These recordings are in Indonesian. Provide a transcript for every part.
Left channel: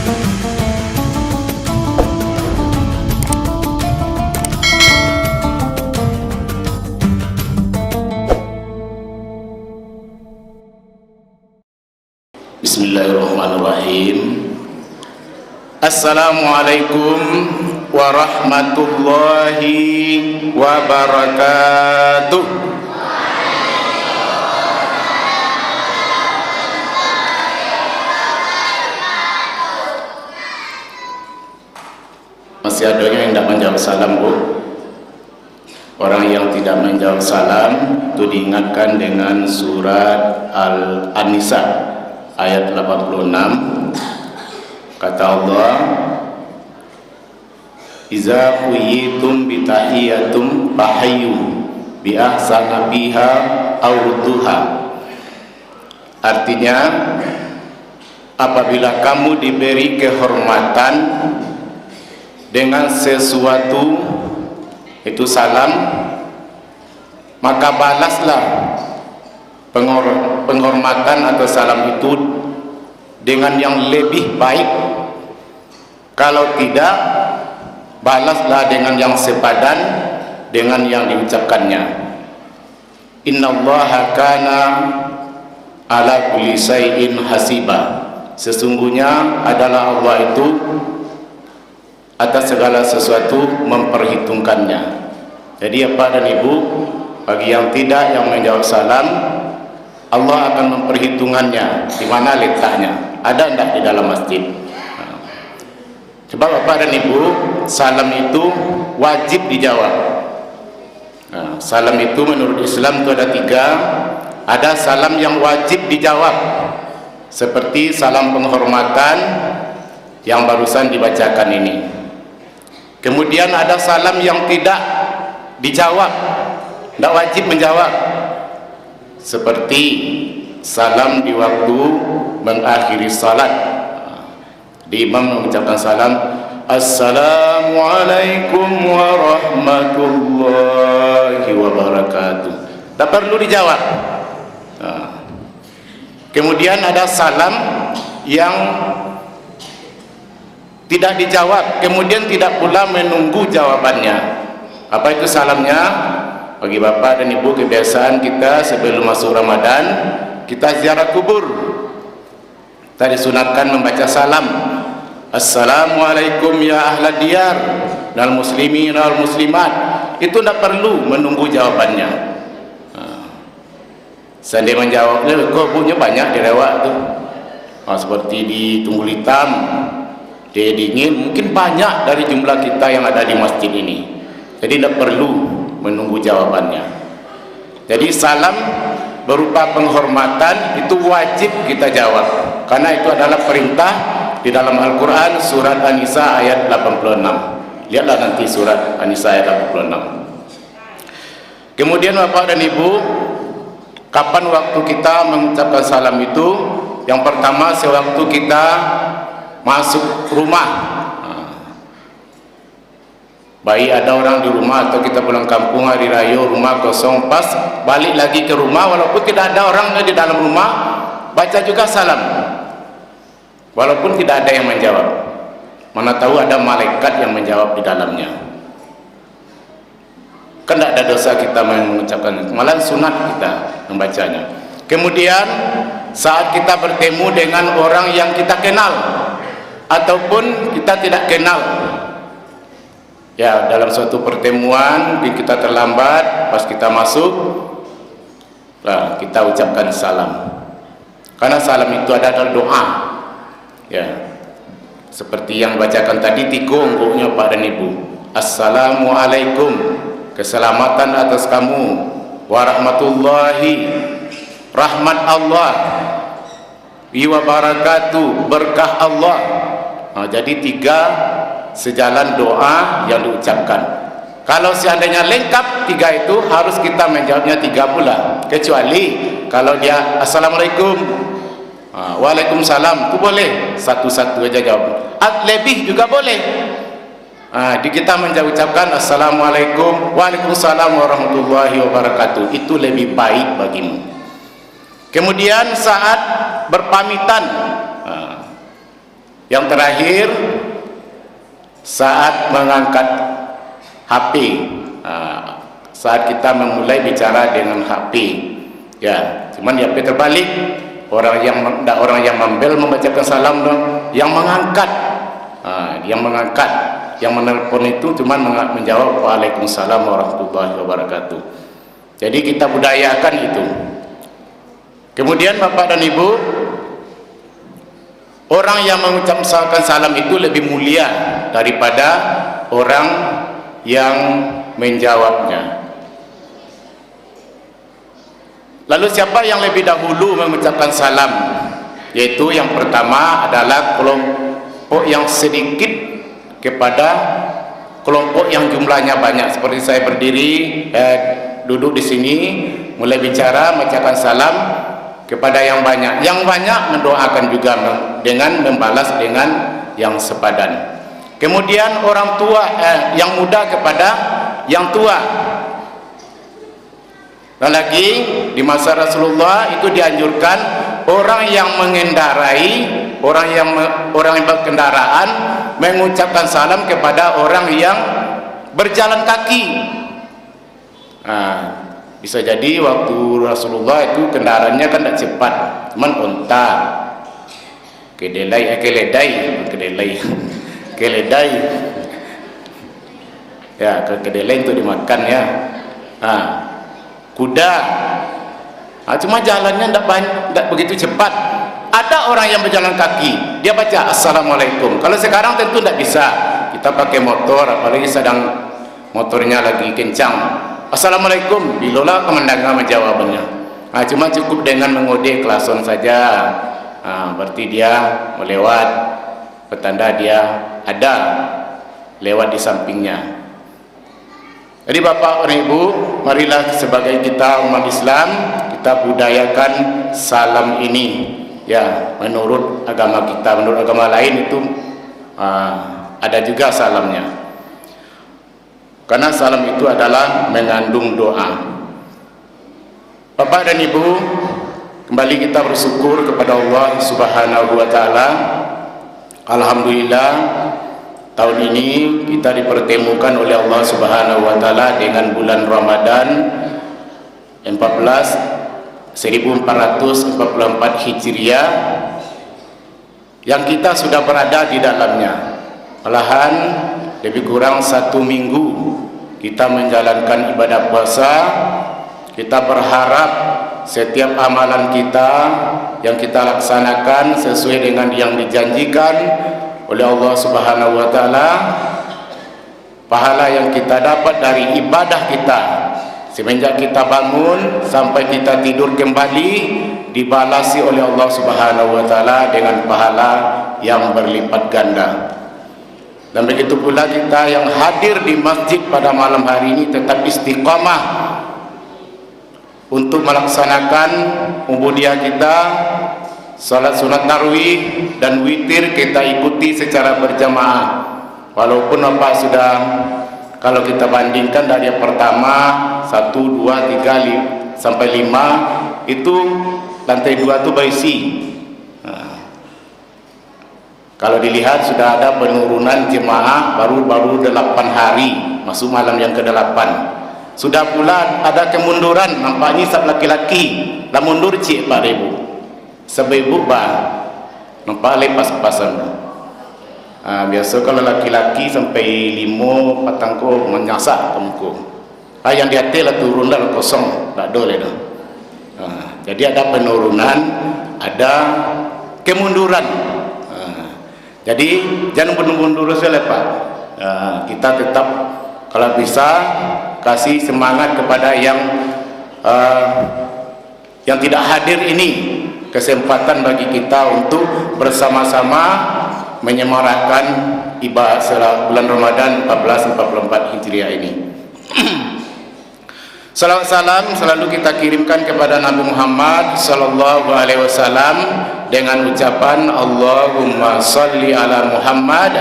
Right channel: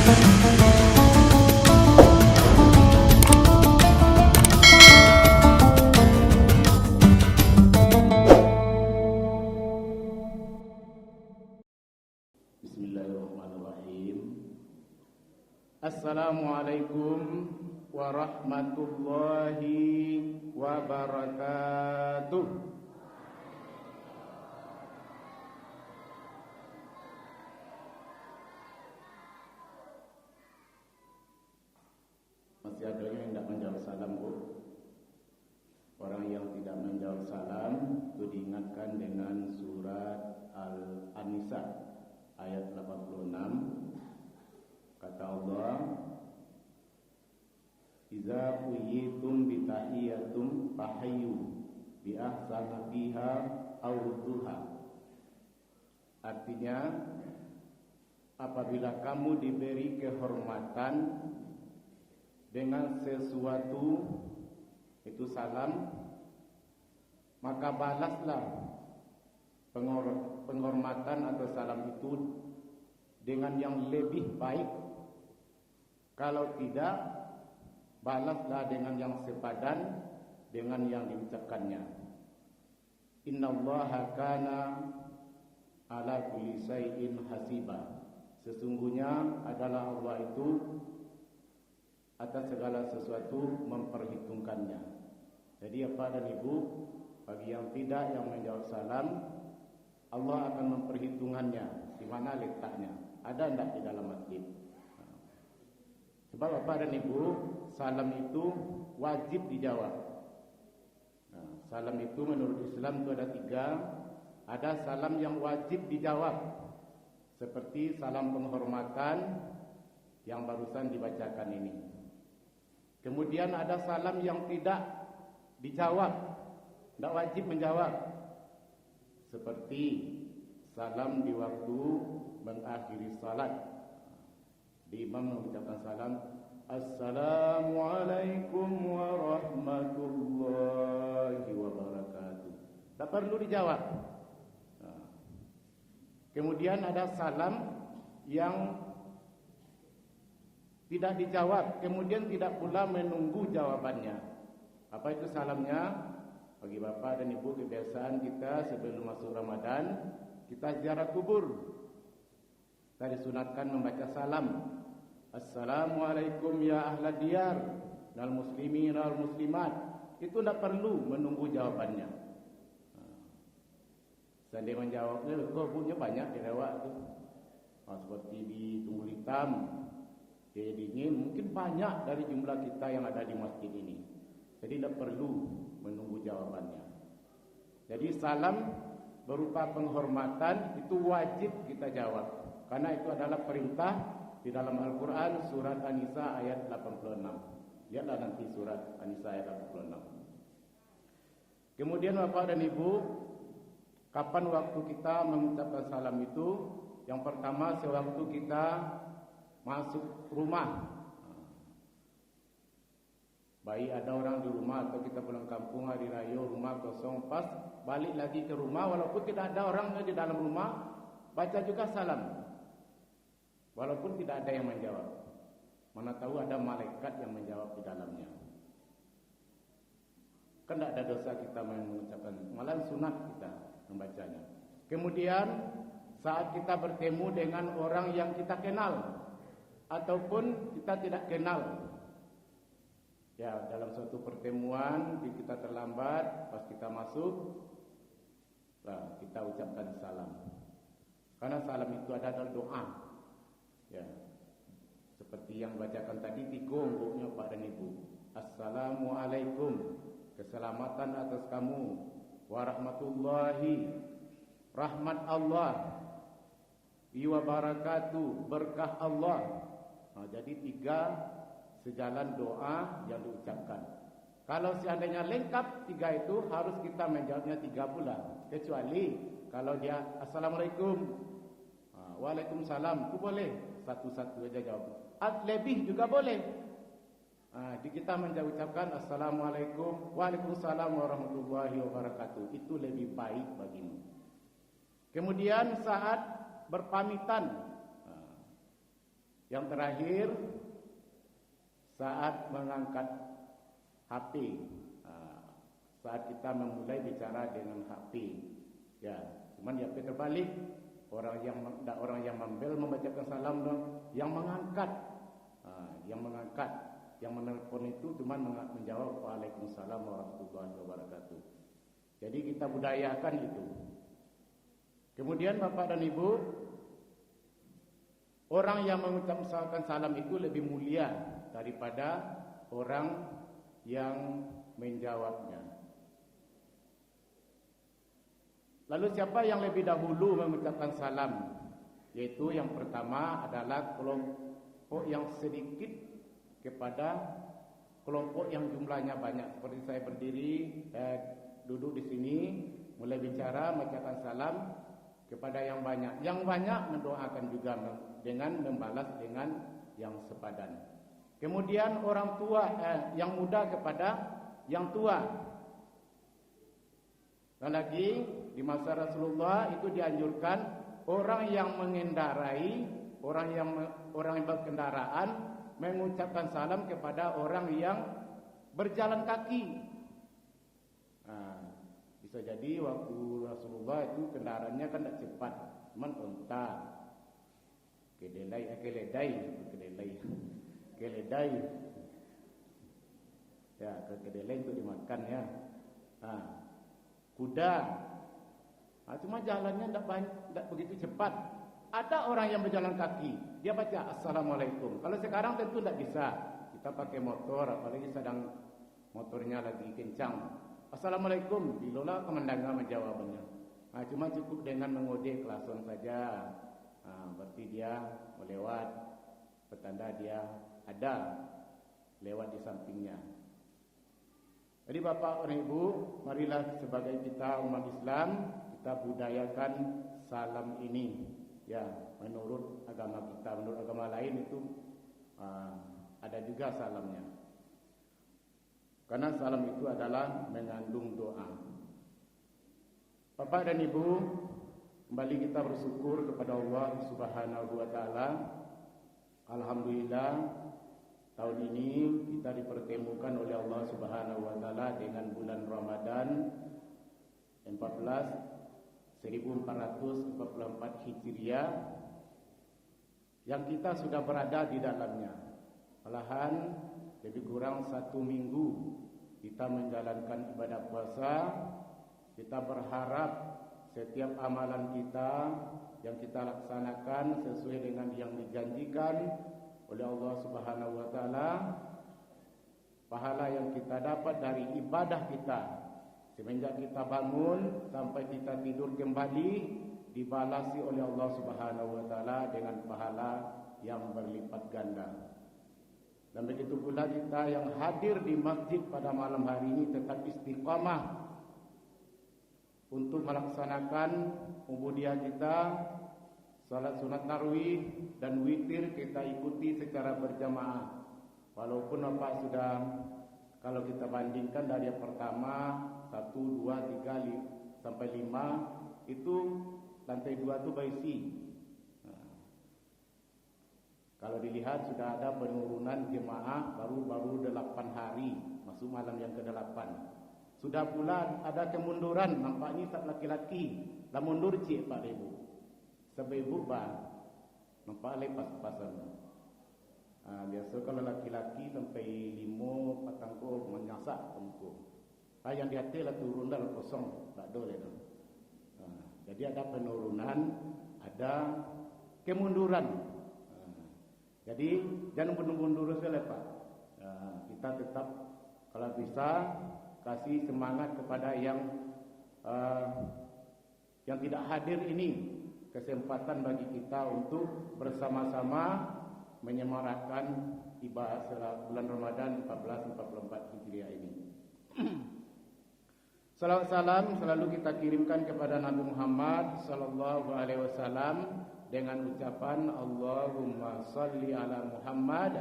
Bismillahirrahmanirrahim. Assalamualaikum warahmatullahi wabarakatuh. Masih ada yang tidak menjawab salam, Bu? Orang yang tidak menjawab salam itu diingatkan dengan surat Al-Nisa ayat 86. Kata Allah, "Iza quyitum bitahiyatum fahayyu bi ahsana biha aw rudduha." Artinya, apabila kamu diberi kehormatan dengan sesuatu, itu salam, maka balaslah penghormatan atau salam itu dengan yang lebih baik. Kalau tidak, balaslah dengan yang sepadan dengan yang diucapkannya. Innallaha kana ala kulli syai'in hasiba. Sesungguhnya adalah Allah itu atas segala sesuatu memperhitungkannya. Jadi Bapak dan Ibu, bagi yang tidak yang menjawab salam, Allah akan memperhitungannya di mana letaknya. Ada enggak di dalam masjid? Coba Bapak dan Ibu, salam itu wajib dijawab. Salam itu menurut Islam itu ada 3. Ada salam yang wajib dijawab, seperti salam penghormatan yang barusan dibacakan ini. Kemudian ada salam yang tidak dijawab, tidak wajib menjawab, seperti salam di waktu mengakhiri salat. Di imam mengucapkan salam, "Assalamualaikum warahmatullahi wabarakatuh." Tak perlu dijawab. Kemudian ada salam yang tidak dijawab, kemudian tidak pula menunggu jawabannya. Apa itu salamnya? Bagi Bapak dan Ibu, kebiasaan kita sebelum masuk Ramadan, kita ziarah kubur. Kita disunatkan membaca salam. Assalamualaikum ya ahlad diyar wal muslimin wal muslimat. Itu tidak perlu menunggu jawabannya. Seandainya menjawabnya, kok punya banyak direwak tu. Seperti di Tunggul Hitam, di Dingin, mungkin banyak dari jumlah kita yang ada di masjid ini. Jadi tidak perlu menunggu jawabannya. Jadi salam berupa penghormatan itu wajib kita jawab, karena itu adalah perintah di dalam Al-Quran surat An-Nisa ayat 86. Lihatlah nanti surat An-Nisa ayat 86. Kemudian Bapak dan Ibu, kapan waktu kita mengucapkan salam itu? Yang pertama, sewaktu kita masuk rumah. Baik ada orang di rumah atau kita pulang kampung hari raya, rumah kosong, pas balik lagi ke rumah, walaupun tidak ada orang di dalam rumah, baca juga salam, walaupun tidak ada yang menjawab. Mana tahu ada malaikat yang menjawab di dalamnya. Kan tidak ada dosa kita mengucapkan, malah sunat kita membacanya. Kemudian saat kita bertemu dengan orang yang kita kenal ataupun kita tidak kenal, ya, dalam suatu pertemuan kita terlambat, pas kita masuk, nah, kita ucapkan salam. Karena salam itu adalah doa, ya, seperti yang bacakan tadi, tikung bukunya Pak dan Ibu. Assalamualaikum, keselamatan atas kamu, warahmatullahi, rahmat Allah, wa barakatuh, berkah Allah. Nah, jadi 3 sejalan doa yang diucapkan. Kalau seandainya lengkap 3 itu, harus kita menjawabnya 3 pula. Kecuali kalau dia Assalamualaikum, Waalaikumsalam, itu boleh satu-satu aja jawab. Lebih juga boleh. Di kita mengucapkan Assalamualaikum, Waalaikumsalam warahmatullahi wabarakatuh, itu lebih baik bagimu. Kemudian saat berpamitan, Yang terakhir, saat mengangkat HP, saat kita memulai bicara dengan HP, ya, cuman di HP terbalik, orang yang membel membacakan salam, yang mengangkat, yang menelpon itu cuman menjawab Waalaikumsalam warahmatullahi wabarakatuh. Jadi kita budayakan itu. Kemudian Bapak dan Ibu, orang yang mengucapkan salam itu lebih mulia daripada orang yang menjawabnya. Lalu siapa yang lebih dahulu mengucapkan salam? Yaitu yang pertama adalah kelompok yang sedikit kepada kelompok yang jumlahnya banyak. Seperti saya berdiri, duduk di sini, mulai bicara, mengucapkan salam kepada yang banyak. Yang banyak mendoakan juga dengan membalas dengan yang sepadan. Kemudian orang tua, yang muda kepada yang tua. Dan lagi di masa Rasulullah itu dianjurkan orang yang mengendarai, orang yang berkendaraan mengucapkan salam kepada orang yang berjalan kaki. Bisa jadi waktu Rasulullah itu kendaraannya kan tidak cepat, cuman unta, keledai, ya, kedelai untuk dimakan ya. Kuda, cuma jalannya tidak begitu cepat. Ada orang yang berjalan kaki, dia baca Assalamualaikum. Kalau sekarang tentu tidak bisa, kita pakai motor, apalagi sedang motornya lagi kencang, Assalamualaikum, bilola kemendangan menjawabnya. Cuma cukup dengan mengode klason saja, berarti dia melewat, petanda dia ada lewat di sampingnya. Jadi Bapak dan Ibu, marilah sebagai kita umat Islam, kita budayakan salam ini. Ya, menurut agama kita, menurut agama lain itu ada juga salamnya. Karena salam itu adalah mengandung doa. Bapak dan Ibu, kembali kita bersyukur kepada Allah Subhanahu wa taala. Alhamdulillah, tahun ini kita dipertemukan oleh Allah Subhanahu wa taala dengan bulan Ramadan 1444 Hijriah yang kita sudah berada di dalamnya. Malahan lebih kurang 1 minggu kita menjalankan ibadah puasa. Kita berharap setiap amalan kita yang kita laksanakan sesuai dengan yang dijanjikan oleh Allah Subhanahu wa taala. Pahala yang kita dapat dari ibadah kita semenjak kita bangun sampai kita tidur kembali dibalasi oleh Allah Subhanahu wa taala dengan pahala yang berlipat ganda. Dan begitu pula kita yang hadir di masjid pada malam hari ini tetap istiqamah untuk melaksanakan ubudiyah kita, salat sunat tarawih dan witir kita ikuti secara berjamaah. Walaupun Bapak sudah, kalau kita bandingkan dari yang pertama 1, 2, 3 sampai 5 itu lantai 2 itu berisi. Kalau dilihat sudah ada penurunan jemaah baru 8 hari masuk malam yang ke-8. Sudah pula ada kemunduran, nampaknya sab laki-laki lah mundur cik Pak Ibu. Sebab nampak lepas-pasan. Biasa kalau laki-laki sampai 5 patangko menyasak kamuku. Yang di atas lah turun dah kosong, tak ada dah. Jadi ada penurunan, ada kemunduran. Jadi jangan mundur saja Pak. Kita tetap kalau bisa kasih semangat kepada yang tidak hadir ini, kesempatan bagi kita untuk bersama-sama menyemarakan ibadah bulan Ramadan 1444 Hijriah ini. Salawat salam selalu kita kirimkan kepada Nabi Muhammad sallallahu alaihi wasallam dengan ucapan Allahumma shalli ala Muhammad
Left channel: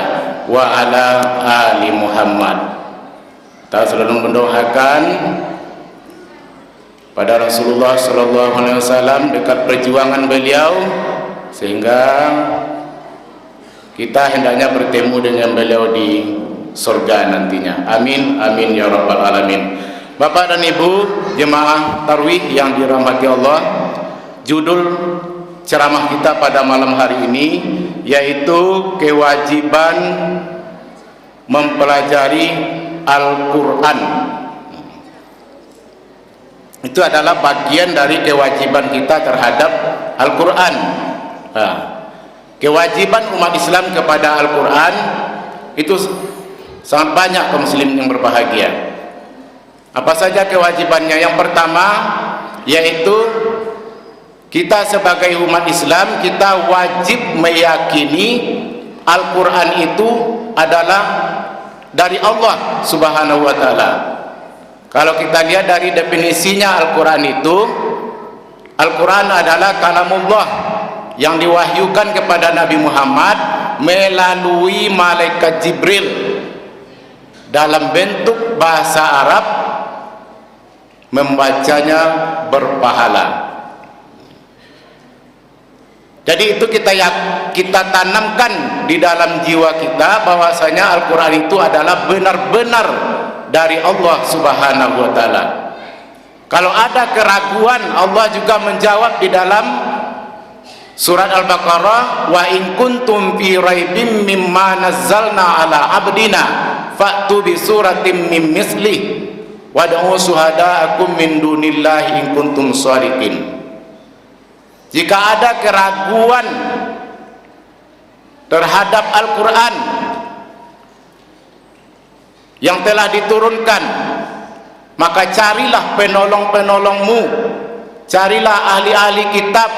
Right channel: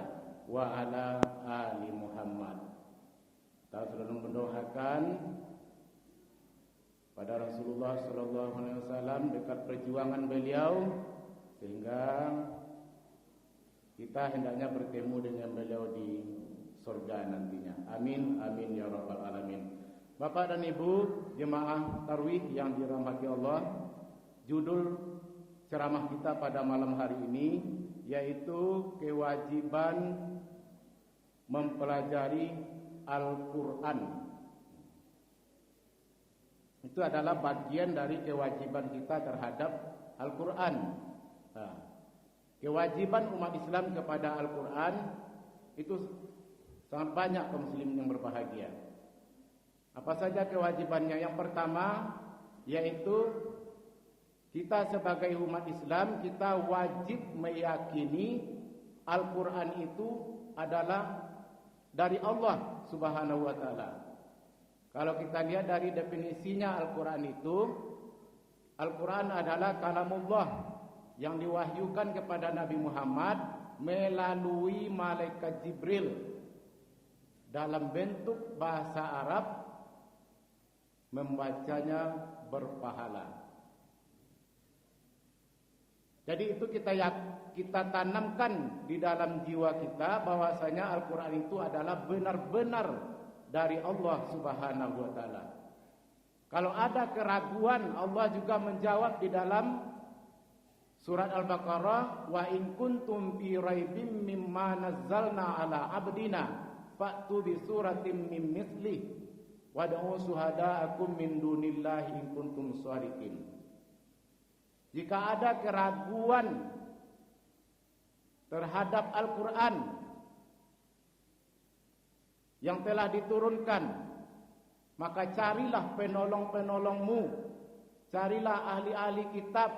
wa ala ali Muhammad. Kita selalu mendoakan pada Rasulullah sallallahu alaihi wasallam dekat perjuangan beliau sehingga kita hendaknya bertemu dengan beliau di surga nantinya. Amin, amin ya rabbal alamin. Bapak dan Ibu jemaah tarwih yang dirahmati Allah, judul ceramah kita pada malam hari ini yaitu kewajiban mempelajari Al-Quran. Itu adalah bagian dari kewajiban kita terhadap Al-Quran. Kewajiban umat Islam kepada Al-Quran itu sangat banyak kaum muslimin yang berbahagia. Apa saja kewajibannya? Yang pertama yaitu kita sebagai umat Islam, kita wajib meyakini Al-Quran itu adalah dari Allah Subhanahu wa ta'ala. Kalau kita lihat dari definisinya Al-Quran itu, Al-Quran adalah kalamullah yang diwahyukan kepada Nabi Muhammad melalui malaikat Jibril dalam bentuk bahasa Arab, membacanya berpahala. Jadi itu kita tanamkan di dalam jiwa kita bahwasanya Al-Quran itu adalah benar-benar dari Allah Subhanahu wa ta'ala. Kalau ada keraguan, Allah juga menjawab di dalam surat Al-Baqarah, wa in kuntum fi raibim mimma nazzalna ala abdina fa'tu bi suratin mim mislih wad'u syuhada'akum min dunillahi in kuntum shadiqin. Jika ada keraguan terhadap Al-Quran yang telah diturunkan, maka carilah penolong-penolongmu, carilah ahli-ahli kitab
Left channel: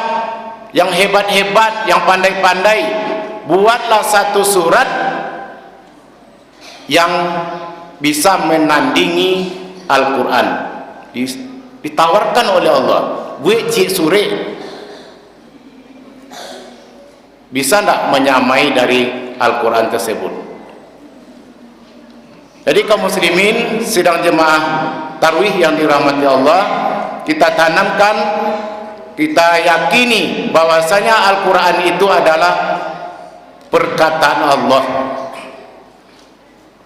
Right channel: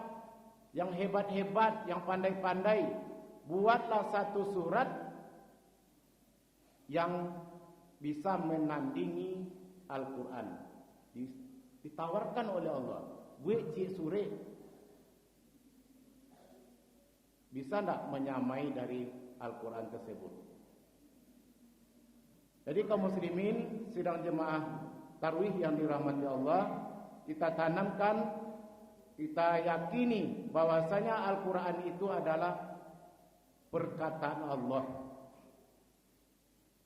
yang hebat-hebat, yang pandai-pandai, buatlah satu surat yang bisa menandingi Al-Quran. Ditawarkan oleh Allah, gue cik suri bisa tidak menyamai dari Al-Quran tersebut. Jadi kaum muslimin sidang jemaah tarwih yang dirahmati Allah, kita tanamkan, kita yakini bahwasanya Al-Quran itu adalah perkataan Allah.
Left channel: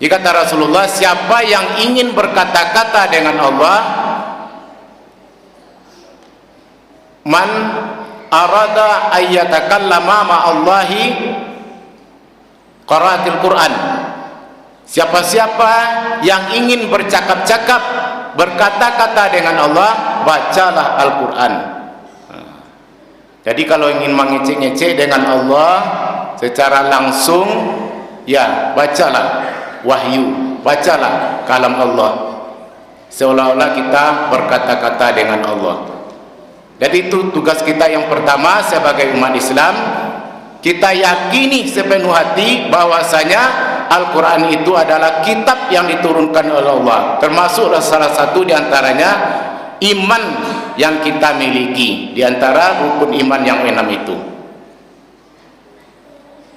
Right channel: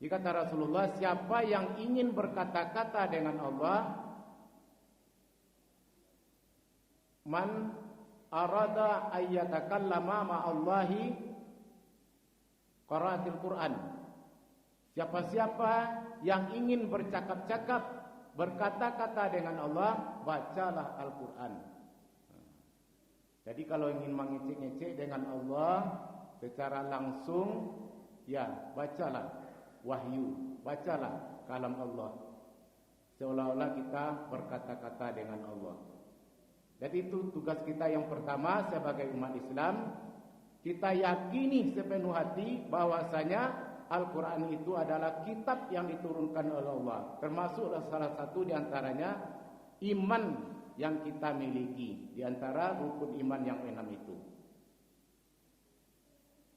Jika kata Rasulullah, siapa yang ingin berkata-kata dengan Allah, man arada ayyatakallama ma'allahi qara'atil Quran. Siapa-siapa yang ingin bercakap-cakap, berkata-kata dengan Allah, bacalah Al-Quran. Jadi kalau ingin mengecek-ngecek dengan Allah secara langsung, ya bacalah wahyu, bacalah kalam Allah, seolah-olah kita berkata-kata dengan Allah. Jadi itu tugas kita yang pertama sebagai umat Islam. Kita yakini sepenuh hati bahwasanya Al-Quran itu adalah kitab yang diturunkan oleh Allah, termasuk salah satu diantaranya iman yang kita miliki, diantara rukun iman yang 6 itu.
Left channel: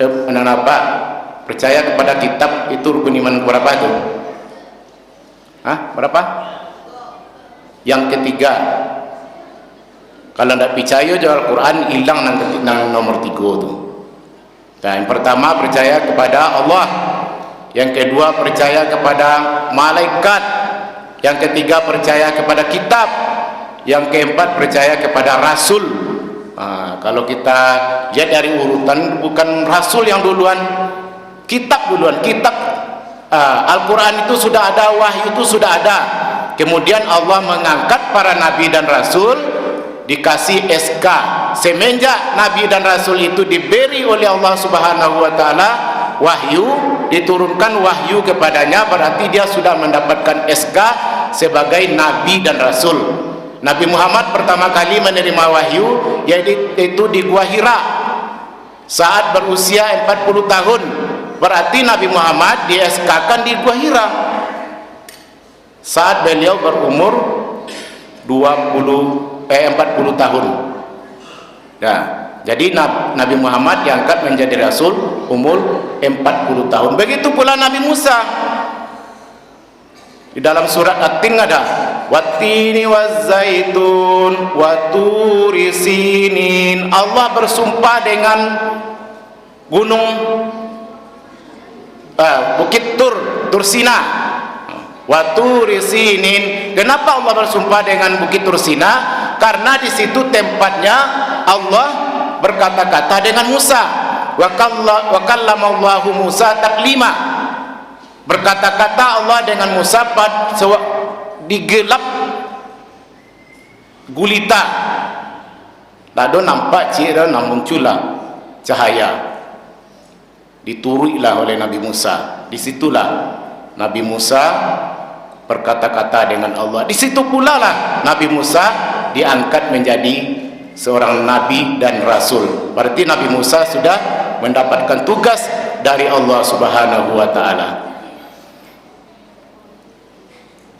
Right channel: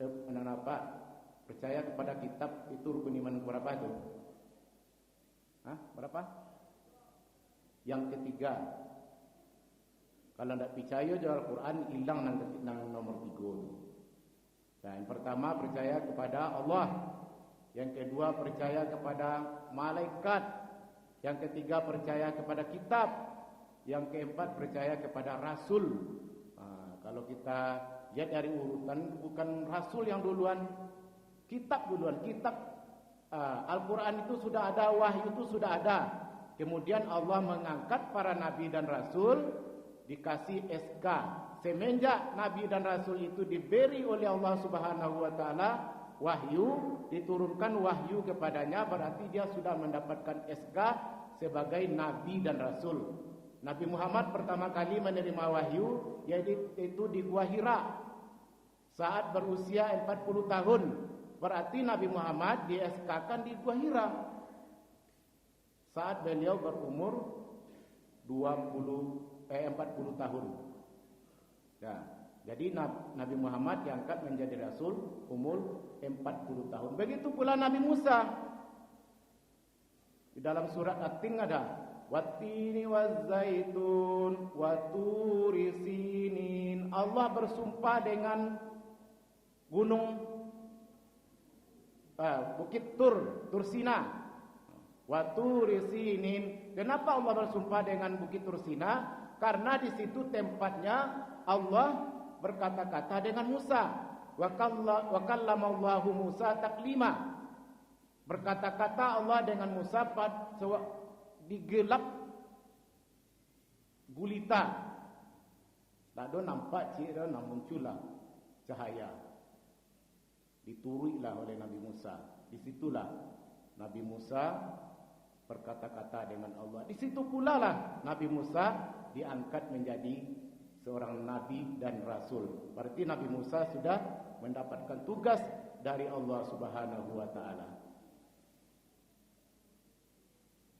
Kenapa percaya kepada kitab itu rukun iman berapa itu? Berapa? Yang ketiga. Kalau tidak percaya juga Al-Quran, hilang nang nomor 3 tu. Nah, yang pertama percaya kepada Allah, yang kedua percaya kepada malaikat, yang ketiga percaya kepada kitab, yang keempat percaya kepada Rasul. Kalau kita lihat dari urutan, bukan Rasul yang duluan, kitab duluan. Kitab Al-Quran itu sudah ada, wahyu itu sudah ada. Kemudian Allah mengangkat para nabi dan Rasul, dikasih SK. Semenjak Nabi dan Rasul itu diberi oleh Allah Subhanahu wa ta'ala wahyu, diturunkan wahyu kepadanya, berarti dia sudah mendapatkan SK sebagai Nabi dan Rasul. Nabi Muhammad pertama kali menerima wahyu yaitu di Gua Hira saat berusia 40 tahun. Berarti Nabi Muhammad di SK-kan di Gua Hira saat beliau berumur 40 tahun. Nah, jadi Nabi Muhammad diangkat menjadi Rasul umur 40 tahun. Begitu pula Nabi Musa. Di dalam surat At-Tin ada Wattini wazzaitun waturi sinin. Allah bersumpah dengan gunung Bukit Tur Sina. Wa Turi Sinin. Kenapa Allah bersumpah dengan Bukit Tur Sina? Karena di situ tempatnya Allah berkata-kata dengan Musa. Wa kallamallahu Musa taklima. Berkata-kata Allah dengan Musa di gelap gulita. Lalu nampak cira muncullah cahaya. Dituruilah oleh Nabi Musa. Disitulah Nabi Musa berkata-kata dengan Allah. Di situ pula lah Nabi Musa diangkat menjadi seorang nabi dan rasul. Berarti Nabi Musa sudah mendapatkan tugas dari Allah Subhanahu wa taala.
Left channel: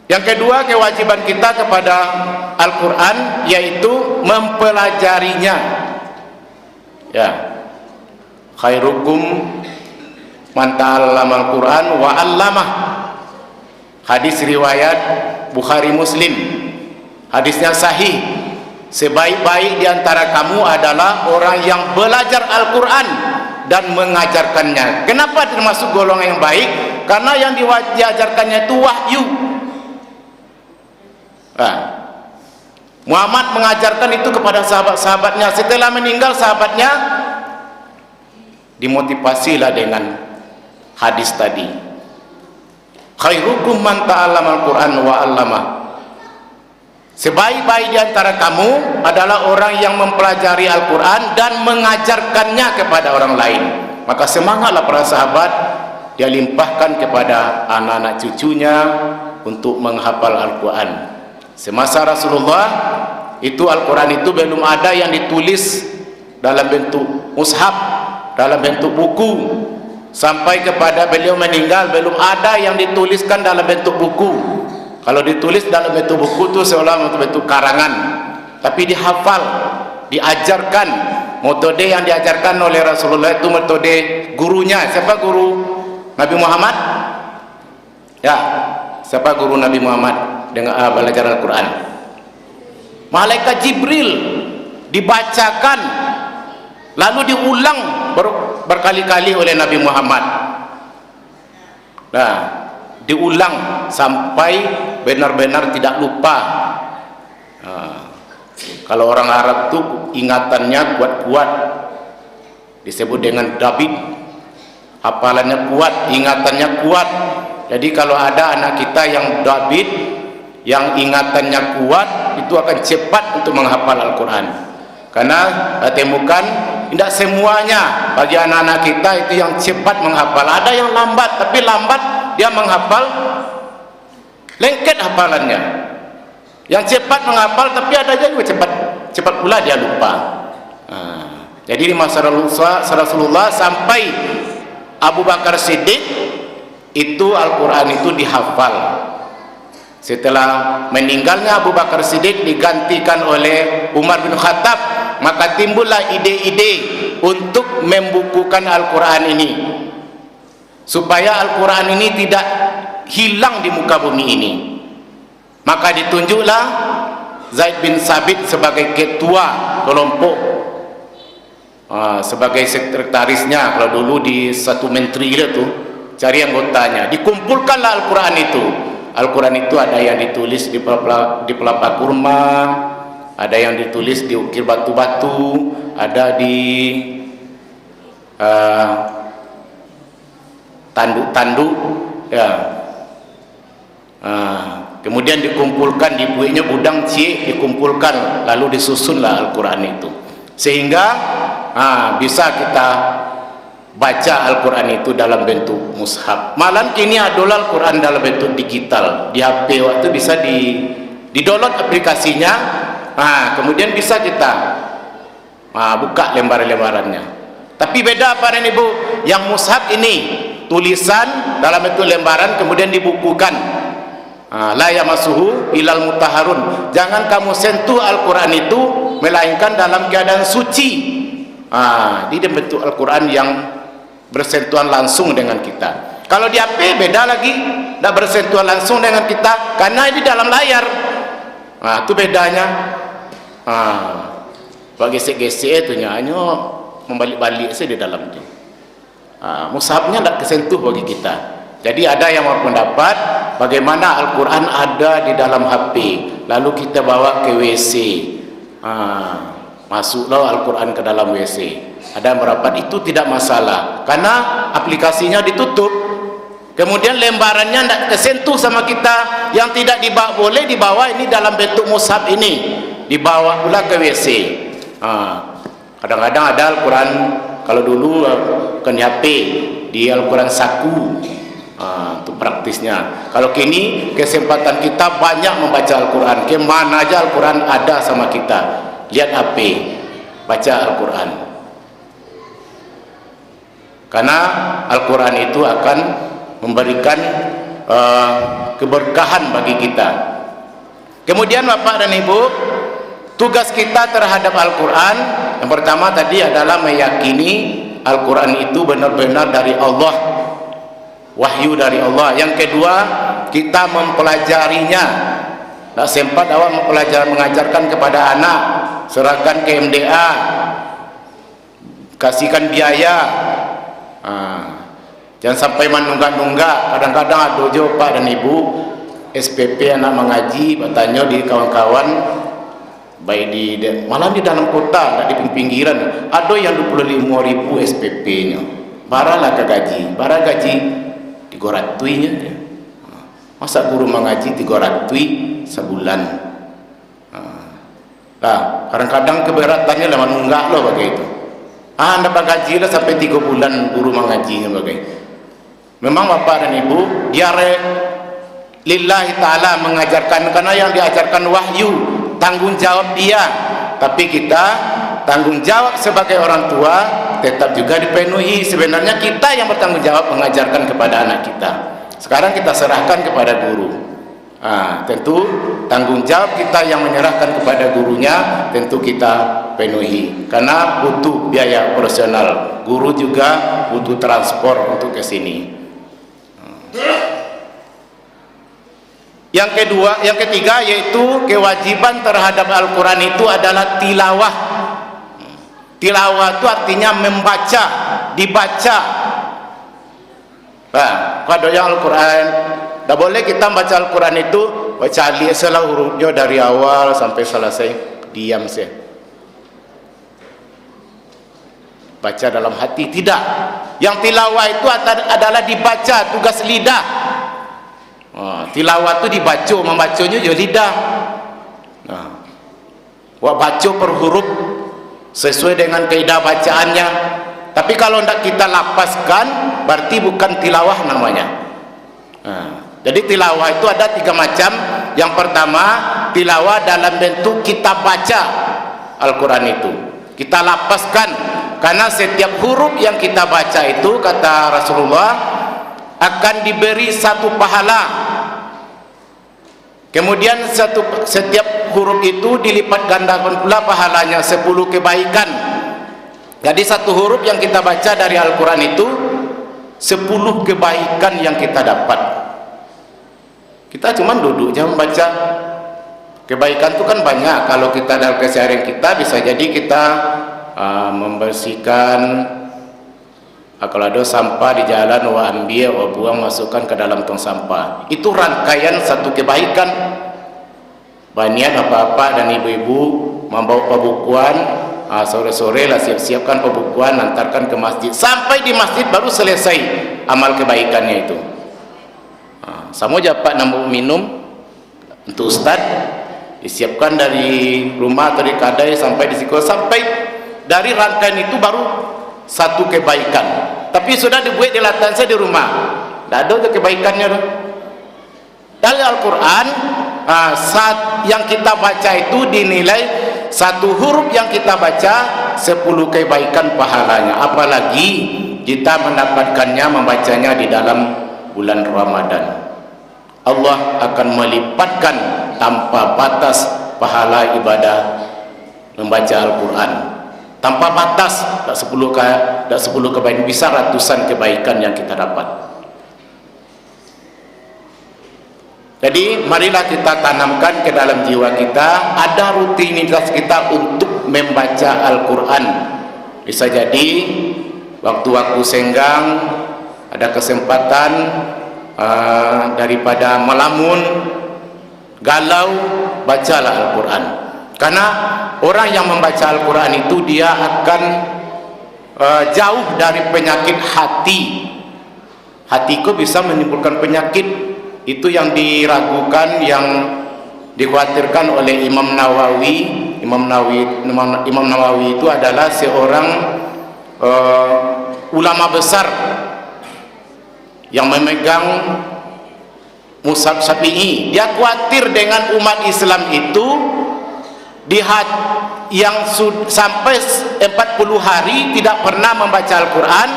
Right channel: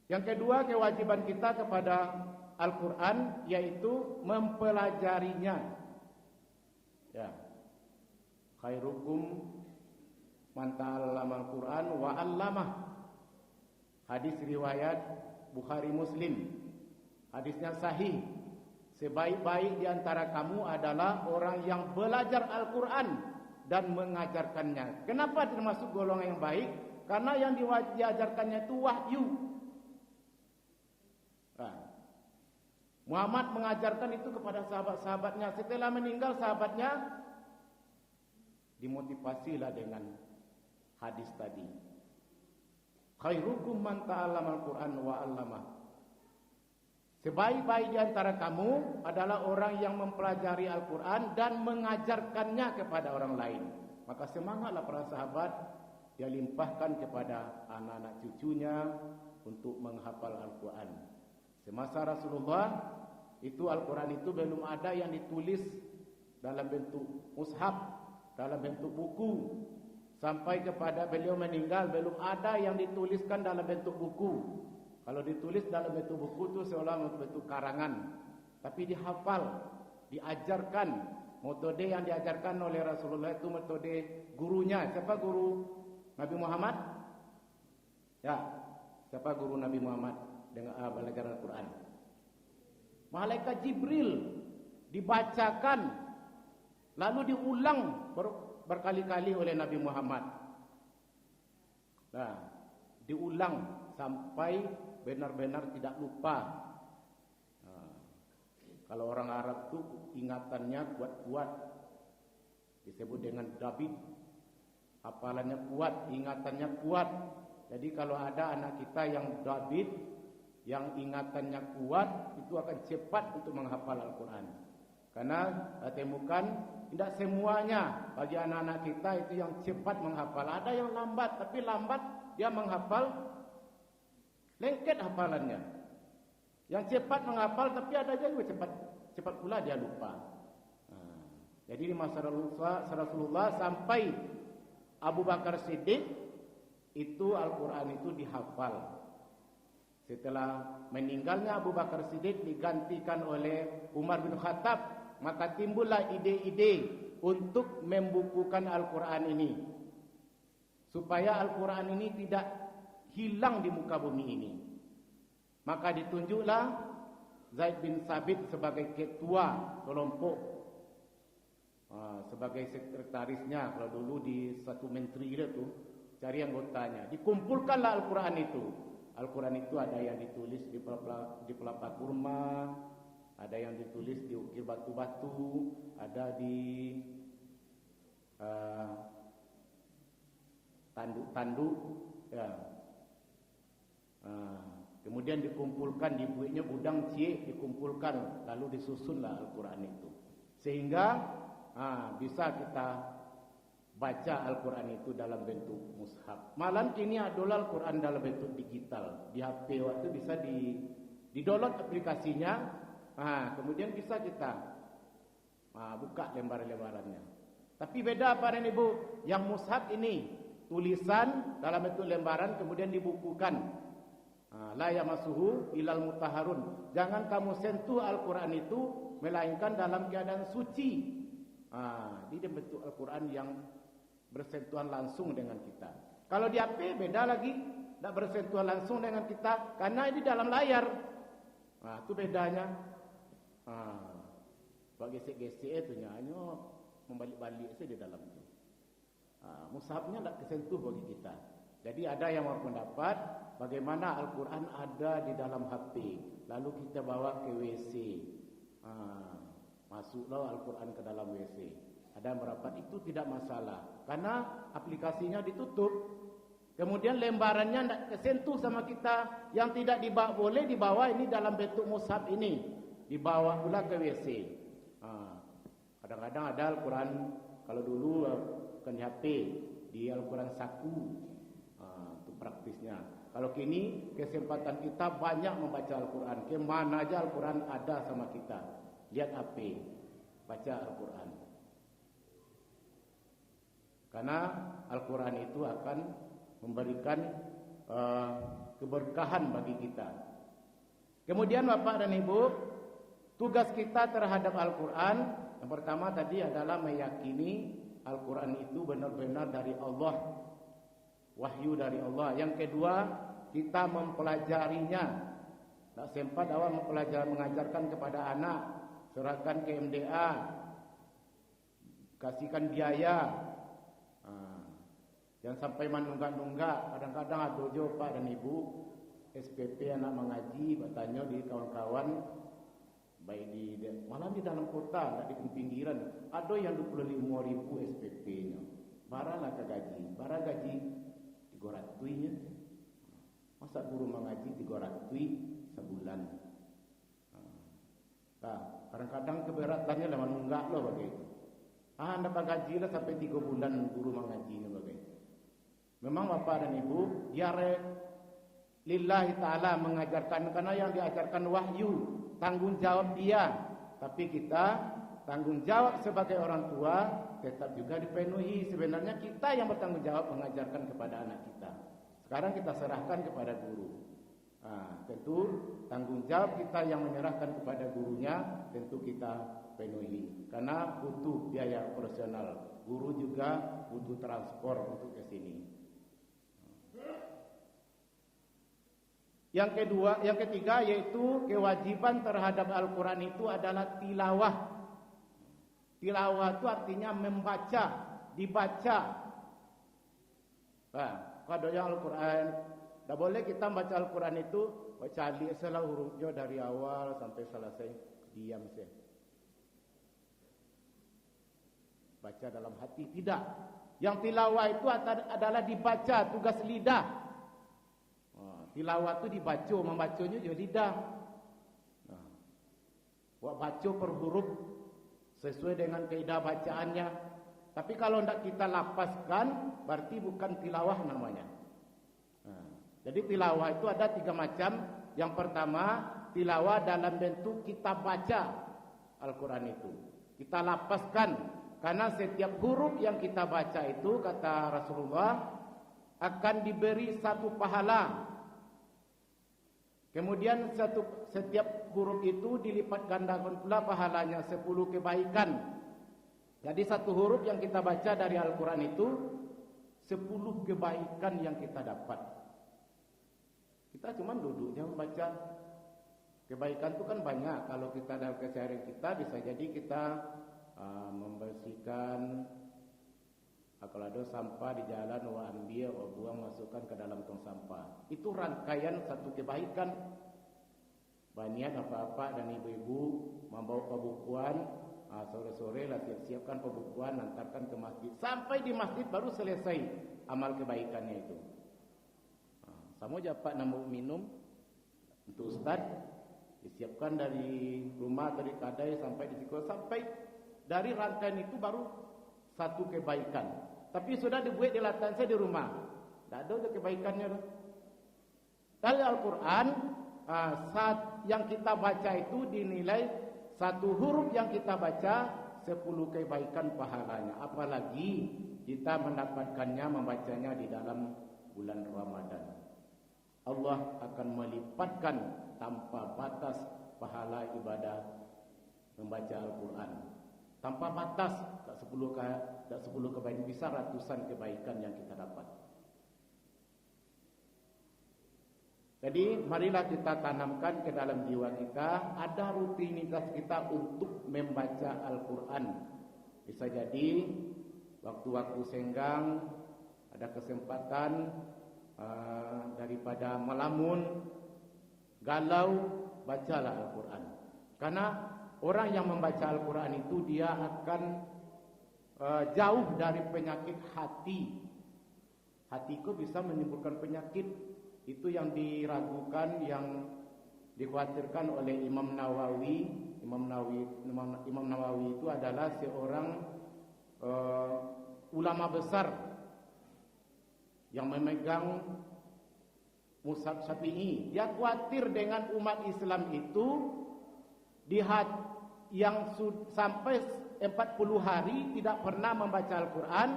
Yang kedua, kewajiban kita kepada Al-Qur'an yaitu mempelajarinya. Ya. Khairukum man ta'allama Al-Qur'an wa 'allamah. Hadis riwayat Bukhari Muslim. Hadisnya sahih. Sebaik-baik di antara kamu adalah orang yang belajar Al-Qur'an dan mengajarkannya. Kenapa termasuk golongan yang baik? Karena yang diajarkannya itu wahyu. Muhammad mengajarkan itu kepada sahabat-sahabatnya. Setelah meninggal sahabatnya, dimotivasilah dengan hadis tadi. Khairukum man ta'allama Al-Qur'an wa 'allamah. Sebaik-baik di antara kamu adalah orang yang mempelajari Al-Qur'an dan mengajarkannya kepada orang lain. Maka semangatlah para sahabat, dia limpahkan kepada anak-anak cucunya untuk menghafal Al-Qur'an. Semasa Rasulullah itu Al-Quran itu belum ada yang ditulis dalam bentuk mushaf, dalam bentuk buku. Sampai kepada beliau meninggal belum ada yang dituliskan dalam bentuk buku. Kalau ditulis dalam bentuk buku itu seolah bentuk karangan, tapi dihafal, diajarkan. Metode yang diajarkan oleh Rasulullah itu metode gurunya. Siapa guru Nabi Muhammad? Ya, siapa guru Nabi Muhammad dengan belajar Al-Quran? Malaikat Jibril, dibacakan lalu diulang berkali-kali oleh Nabi Muhammad. Nah, diulang sampai benar-benar tidak lupa. Kalau orang Arab tuh ingatannya kuat-kuat, disebut dengan David. Hafalannya kuat, ingatannya kuat. Jadi kalau ada anak kita yang David, yang ingatannya kuat, itu akan cepat untuk menghafal Al-Quran. Karena temukan tidak semuanya bagi anak-anak kita itu yang cepat menghafal. Ada yang lambat, tapi lambat dia menghafal, lengket hafalannya. Yang cepat menghafal, tapi ada juga cepat pula dia lupa. Jadi di masa Rasulullah sampai Abu Bakar Siddiq itu Al-Quran itu dihafal. Setelah meninggalnya Abu Bakar Siddiq digantikan oleh Umar bin Khattab, maka timbullah ide-ide untuk membukukan Al-Quran ini supaya Al-Quran ini tidak hilang di muka bumi ini. Maka ditunjuklah Zaid bin Sabit sebagai ketua kelompok, sebagai sekretarisnya. Kalau dulu di satu menteri itu cari anggotanya, dikumpulkanlah Al-Quran itu. Al-Quran itu ada yang ditulis di pelapa kurma, ada yang ditulis di ukir batu-batu, ada di tanduk-tanduk, ya. Kemudian dikumpulkan, dibuatnya gudang C, dikumpulkan, lalu disusunlah Al-Quran itu, sehingga bisa kita baca Al-Quran itu dalam bentuk mushaf. Malam kini adalah Al-Quran dalam bentuk digital. Di HP waktu bisa di-download aplikasinya, kemudian bisa kita buka lembar-lembarannya. Tapi beda apa ini Bu? Yang mushaf ini tulisan dalam bentuk lembaran kemudian dibukukan. La yamassuhu ilal mutahharun. Jangan kamu sentuh Al-Quran itu melainkan dalam keadaan suci. Di bentuk Al-Quran yang bersentuhan langsung dengan kita. Kalau di HP beda lagi, tidak bersentuhan langsung dengan kita karena ini dalam layar. Itu bedanya. Bagi gesek-gesek itu nyanyo membalik-balik saja di dalam itu. mushafnya tidak kesentuh bagi kita. Jadi ada yang berpendapat bagaimana Al-Quran ada di dalam HP, lalu kita bawa ke WC, masuklah Al-Quran ke dalam WC. Ada yang berpendapat itu tidak masalah karena aplikasinya ditutup, kemudian lembarannya tidak kesentuh sama kita. Yang tidak dibawa, boleh dibawa ini dalam bentuk mushaf ini, dibawa pula ke WC. Kadang-kadang ada Al-Quran, kalau dulu bukan di HP, di Al-Quran saku, untuk praktisnya. Kalau kini kesempatan kita banyak membaca Al-Quran, ke mana aja Al-Quran ada sama kita. Lihat HP, baca Al-Quran, karena Al-Quran itu akan memberikan keberkahan bagi kita. Kemudian Bapak dan Ibu, tugas kita terhadap Al-Quran yang pertama tadi adalah meyakini Al-Quran itu benar-benar dari Allah, wahyu dari Allah. Yang kedua, kita mempelajarinya. Tak sempat awak mengajarkan kepada anak, serahkan ke MDA, kasihkan biaya. Jangan sampai menunggak-nunggak. Kadang-kadang ada jo Pak dan Ibu SPP anak mengaji, bertanya di kawan-kawan, baik malah di dalam kota, di pinggiran, ada yang 25.000 SPP-nya. Baralah ke gaji, bara gaji 300-nya. Masa guru mengaji 300 sebulan? Kadang-kadang keberatannya lah menunggak loh begitu. Anda gaji lah sampai 3 bulan guru mengajinya begitu. Memang Bapak dan Ibu, dia lillahi ta'ala mengajarkan, karena yang diajarkan wahyu, tanggung jawab dia. Tapi kita tanggung jawab sebagai orang tua tetap juga dipenuhi. Sebenarnya kita yang bertanggung jawab mengajarkan kepada anak kita. Sekarang kita serahkan kepada guru. Tentu tanggung jawab kita yang menyerahkan kepada gurunya tentu kita penuhi, karena butuh biaya operasional. Guru juga butuh transport untuk ke sini. Yang ketiga yaitu kewajiban terhadap Al-Quran itu adalah tilawah. Tilawah itu artinya membaca, dibaca. Kalau yang Al-Quran, tak boleh kita baca Al-Quran itu baca salah hurufnya dari awal sampai selesai, diam saja. Baca dalam hati, tidak. Yang tilawah itu adalah dibaca, tugas lidah. Tilawah itu dibaca, membacanya juga lidah. Baca per huruf sesuai dengan kaidah bacaannya. Tapi kalau tidak kita lapaskan, berarti bukan tilawah namanya. Jadi tilawah itu ada 3 macam. Yang pertama, tilawah dalam bentuk kita baca Al-Quran itu, kita lapaskan, karena setiap huruf yang kita baca itu, kata Rasulullah, akan diberi 1 pahala. Kemudian setiap huruf itu dilipat gandakan pula pahalanya 10 kebaikan. Jadi 1 huruf yang kita baca dari Al-Quran itu 10 kebaikan yang kita dapat. Kita cuma duduk jam baca. Kebaikan itu kan banyak. Kalau kita dalam keseharian kita, bisa jadi kita membersihkan, kalau ada sampah di jalan, ambil, buang, masukkan ke dalam tong sampah. Itu rangkaian 1 kebaikan. Banyak bapak-bapak dan ibu-ibu membawa pembukuan, sore-sore lah siap-siapkan pembukuan, antarkan ke masjid. Sampai di masjid baru selesai amal kebaikannya itu. Sama aja Pak nambah minum untuk Ustaz, disiapkan dari rumah atau di kadai sampai di sekolah, sampai dari rangkaian itu baru 1 kebaikan. Tapi sudah dibuat di latan saya di rumah, tidak ada kebaikannya. Dari Al-Quran, saat yang kita baca itu dinilai 1 huruf yang kita baca 10 kebaikan pahalanya. Apalagi kita mendapatkannya, membacanya di dalam bulan Ramadan. Allah akan melipatkan tanpa batas pahala ibadah membaca Al-Quran. Tanpa batas, tak 10 kebaikan, bisa ratusan kebaikan yang kita dapat. Jadi marilah kita tanamkan ke dalam jiwa kita, ada rutinitas kita untuk membaca Al-Quran. Bisa jadi waktu-waktu senggang, ada kesempatan daripada melamun, galau, bacalah Al-Quran. Karena orang yang membaca Al-Quran itu dia akan jauh dari penyakit hati. Hatiku bisa menimbulkan penyakit. Itu yang diragukan, yang dikhawatirkan oleh Imam Nawawi. Imam Nawawi itu adalah seorang ulama besar yang memegang Mushaf Syafi'i. Dia khawatir dengan umat Islam itu yang sampai 40 hari tidak pernah membaca Al-Quran,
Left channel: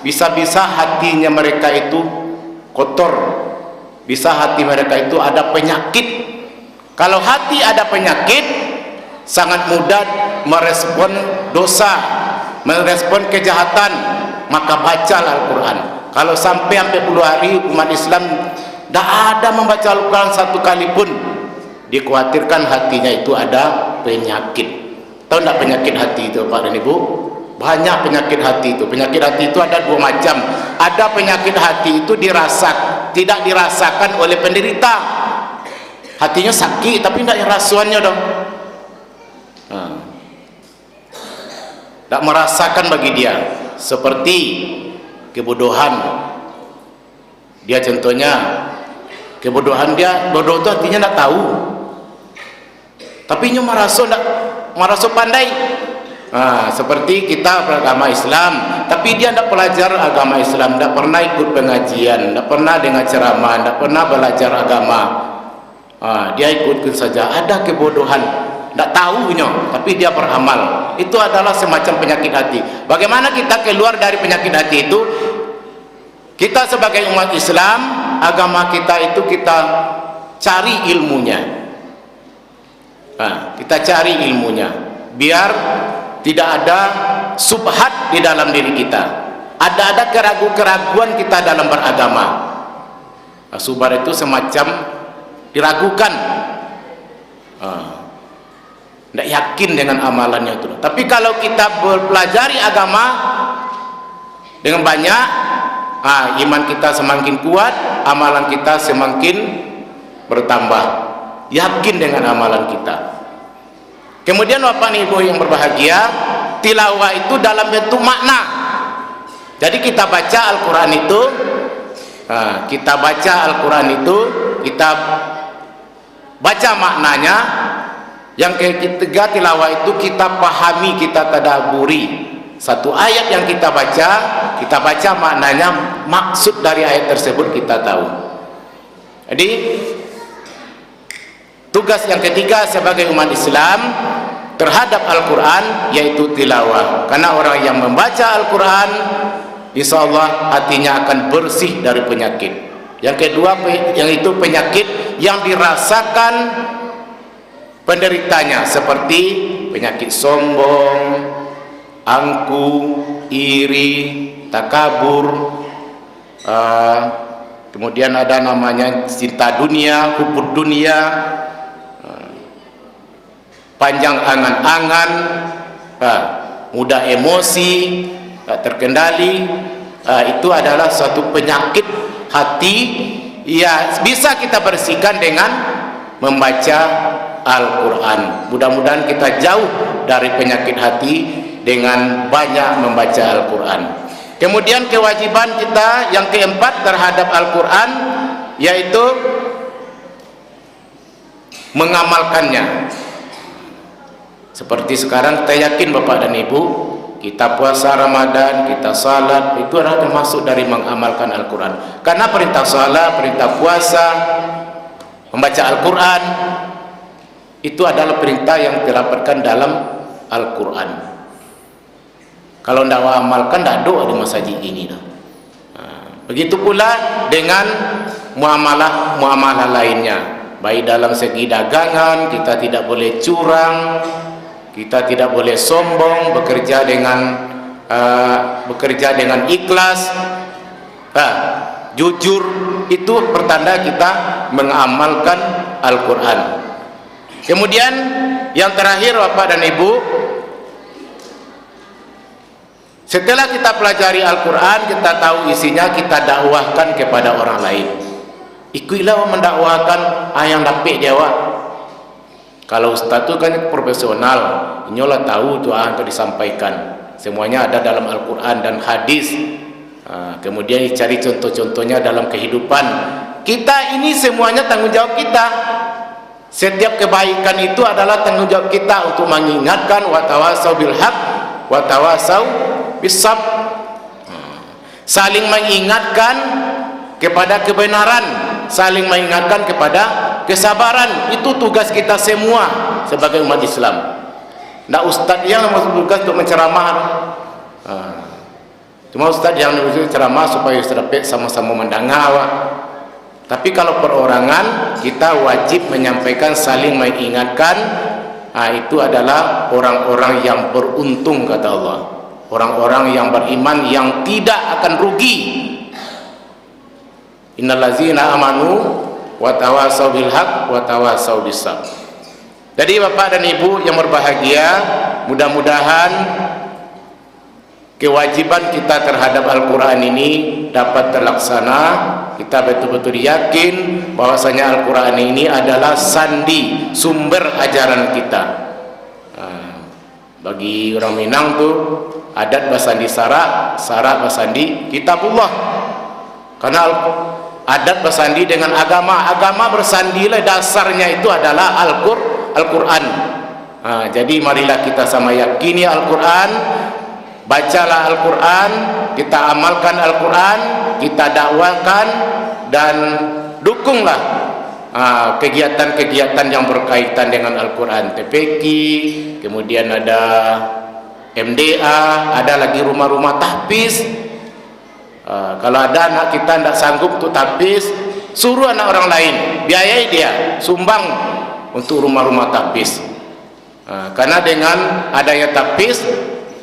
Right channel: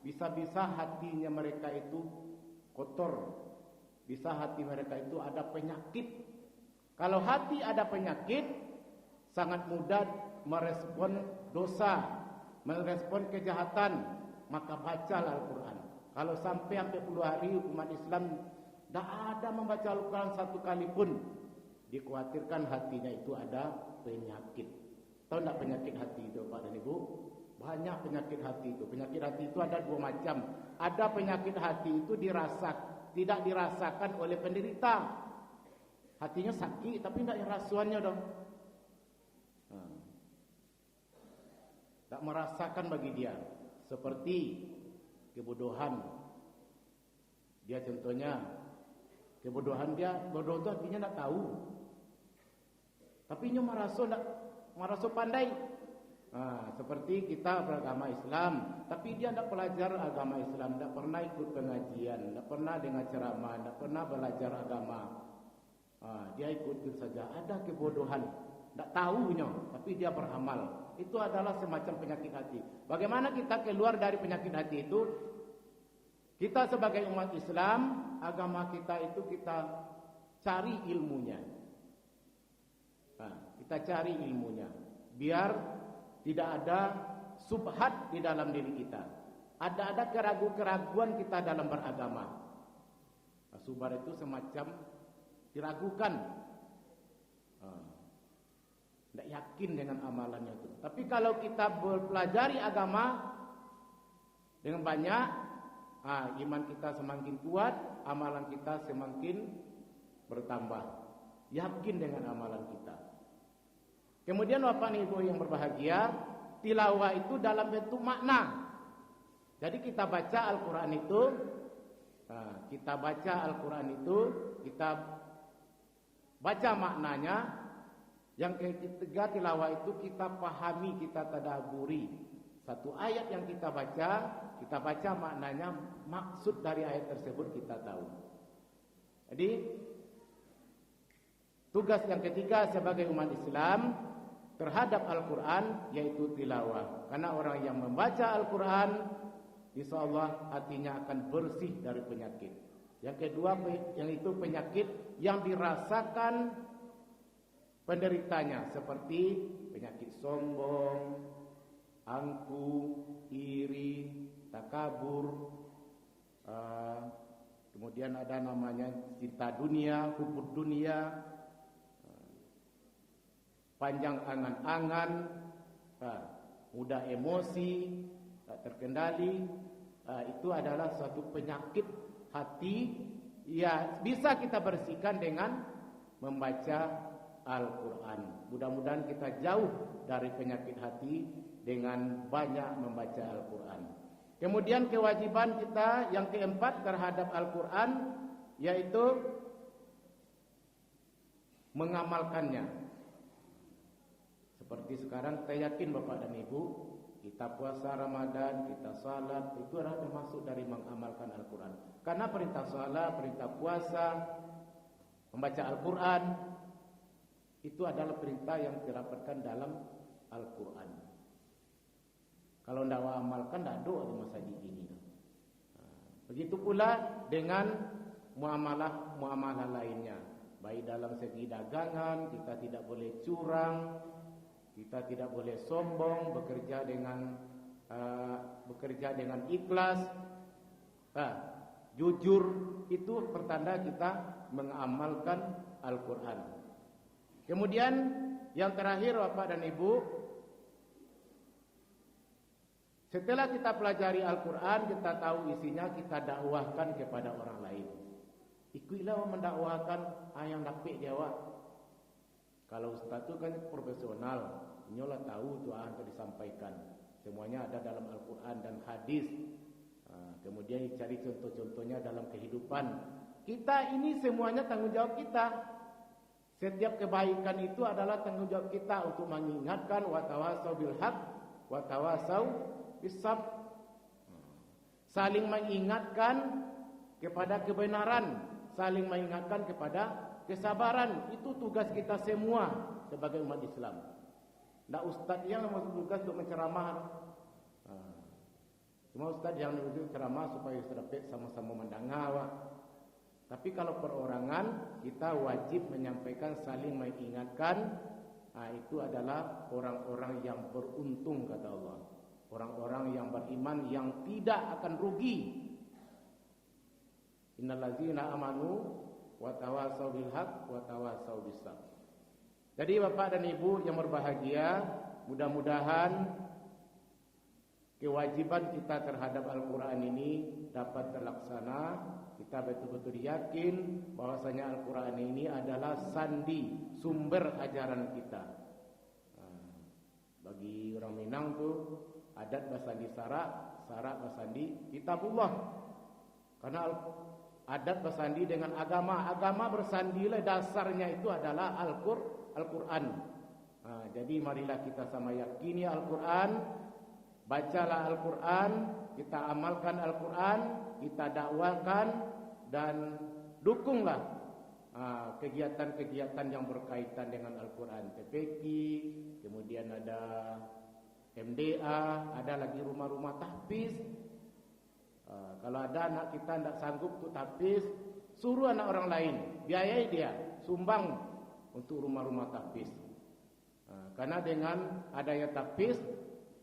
bisa-bisa hatinya mereka itu kotor, bisa hati mereka itu ada penyakit. Kalau hati ada penyakit, sangat mudah merespon dosa, merespon kejahatan, maka bacalah Al-Quran. Kalau sampai 40 hari umat Islam tidak ada membaca Al-Quran satu kali pun, dikhawatirkan hatinya itu ada penyakit. Tahu tidak penyakit hati itu, Pak dan Ibu? Banyak penyakit hati itu. Penyakit hati itu ada dua macam. Ada penyakit hati itu tidak dirasakan oleh penderita. Hatinya sakit tapi tidak rasuannya dong. Tak merasakan bagi dia. Seperti kebodohan. Dia contohnya kebodohan, dia bodoh itu artinya tidak tahu, tapi nya merasa pandai. Seperti kita beragama Islam, tapi dia tidak belajar agama Islam, tidak pernah ikut pengajian, tidak pernah dengar ceramah, tidak pernah belajar agama. Dia ikut saja. Ada kebodohan, tidak tahunya, tapi dia beramal. Itu adalah semacam penyakit hati. Bagaimana kita keluar dari penyakit hati itu? Kita sebagai umat Islam, agama kita itu kita cari ilmunya. Kita cari ilmunya, biar tidak ada subhat di dalam diri kita. Ada keraguan kita dalam beragama. Subhat itu semacam diragukan, tidak yakin dengan amalannya itu. Tapi kalau kita belajar agama dengan banyak, iman kita semakin kuat, amalan kita semakin bertambah, yakin dengan amalan kita. Kemudian Bapak Ibu yang berbahagia, tilawah itu dalam bentuk makna. Jadi kita baca Al-Quran itu, kita baca maknanya. Yang ketiga, tilawah itu kita pahami, kita tadaburi. Satu ayat yang kita baca maknanya, maksud dari ayat tersebut kita tahu. Jadi tugas yang ketiga sebagai umat Islam terhadap Al-Quran yaitu tilawah. Karena orang yang membaca Al-Quran, insya Allah hatinya akan bersih dari penyakit. Yang kedua, yang itu penyakit yang dirasakan penderitanya, seperti penyakit sombong, angku, iri, takabur, kemudian ada namanya cinta dunia, hubud dunia, panjang angan-angan, mudah emosi, tak terkendali. Itu adalah suatu penyakit hati. Ya, bisa kita bersihkan dengan membaca Al-Quran. Mudah-mudahan kita jauh dari penyakit hati dengan banyak membaca Al-Quran. Kemudian kewajiban kita yang keempat terhadap Al-Quran yaitu mengamalkannya. Seperti sekarang kita yakin Bapak dan Ibu, kita puasa Ramadan, kita salat, itu adalah termasuk dari mengamalkan Al-Quran. Karena perintah salat, perintah puasa, membaca Al-Quran itu adalah perintah yang dirapatkan dalam Al-Quran. Kalau tidak amalkan, tidak doa di masjid ini. Begitu pula dengan muamalah lainnya. Baik dalam segi dagangan, kita tidak boleh curang, kita tidak boleh sombong, bekerja dengan ikhlas, jujur. Itu pertanda kita mengamalkan Al-Quran. Kemudian yang terakhir Bapak dan Ibu, Setelah kita pelajari Al-Quran, kita tahu isinya, kita dakwahkan kepada orang lain. Ikuilah mendakwahkan yang dapat dia wak. Kalau ustaz tu kan profesional, inyolah tahu tu yang disampaikan. Semuanya ada dalam Al-Quran dan hadis. Kemudian cari contoh-contohnya dalam kehidupan. Kita ini semuanya tanggung jawab kita. Setiap kebaikan itu adalah tanggung jawab kita untuk mengingatkan wa tawasau bil haq wa tawasau bis sabr. Saling mengingatkan kepada kebenaran, saling mengingatkan kepada kesabaran. Itu tugas kita semua sebagai umat Islam. Ndak ustaz yang tugas untuk menceramah. Cuma ustaz yang menceramah supaya dapat sama-sama mendengar. Tapi kalau perorangan, kita wajib menyampaikan, saling mengingatkan. Itu adalah orang-orang yang beruntung, kata Allah. Orang-orang yang beriman yang tidak akan rugi. Innallazina amanu wa tawasau bil haq wa tawasau bis sabr. Jadi Bapak dan Ibu yang berbahagia, mudah-mudahan kewajiban kita terhadap Al-Quran ini dapat terlaksana. Kita betul-betul yakin bahwasanya Al-Quran ini adalah sandi, sumber ajaran kita. Bagi orang Minang tu adat basandi sarak, sarak basandi kitabullah. Karena adat bersandi dengan agama, agama bersandilah dasarnya itu adalah Al-Quran. Jadi marilah kita sama yakini Al-Quran, bacalah Al-Quran, kita amalkan Al-Quran, kita dakwakan dan dukunglah kegiatan-kegiatan yang berkaitan dengan Al-Quran. TPQ, kemudian ada MDA, ada lagi rumah-rumah tahfiz. Kalau ada anak kita tidak sanggup untuk tahfiz, suruh anak orang lain, biayai dia, sumbang untuk rumah-rumah tahfiz. Karena dengan adanya tahfiz,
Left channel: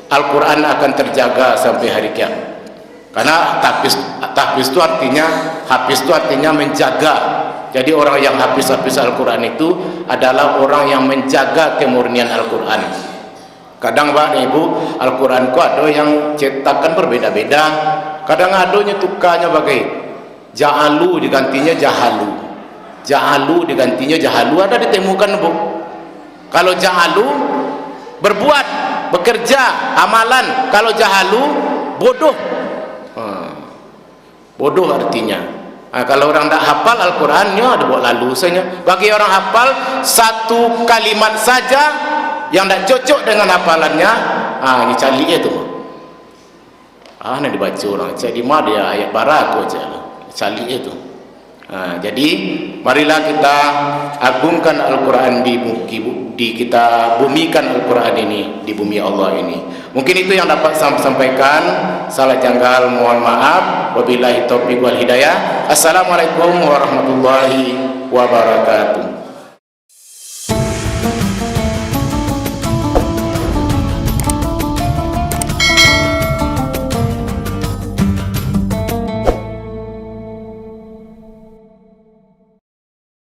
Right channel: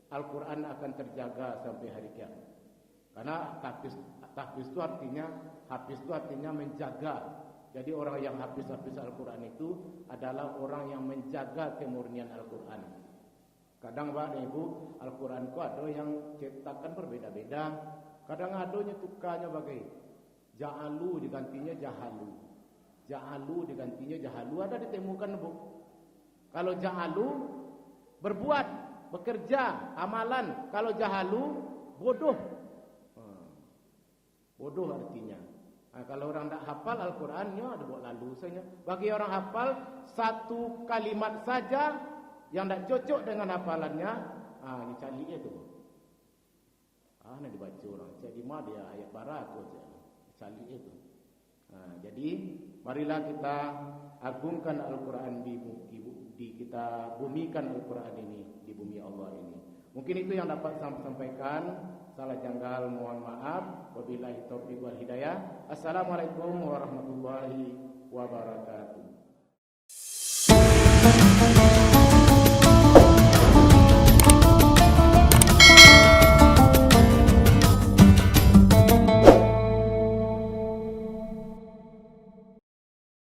Al-Quran akan terjaga sampai hari kiamat. Karena tahfiz itu artinya, hafiz itu artinya menjaga. Jadi orang yang hafiz Al-Quran itu adalah orang yang menjaga kemurnian Al-Quran. Kadang Pak Ibu, Al-Quran ku ada yang cetakan berbeda-beda. Kadang adanya tukarnya bagai ja'alu digantinya jahalu, ja'alu digantinya jahalu, ada ditemukan Bu. Kalau ja'alu berbuat, bekerja, amalan. Kalau jahalu bodoh. Bodoh artinya. Kalau orang tak hafal Al-Qurannya ada buat lalu saja. Bagi orang hafal satu kalimat saja yang tak cocok dengan hafalannya, ini cali itu. Nak dibaca orang jadi mah dia ayat barat aja cali itu. Jadi marilah kita agungkan Al-Quran kita bumikan Al-Quran ini di bumi Allah ini. Mungkin itu yang dapat saya sampaikan. Salah janggal mohon maaf. Wabillahi taufiq wal hidayah. Assalamualaikum warahmatullahi wabarakatuh.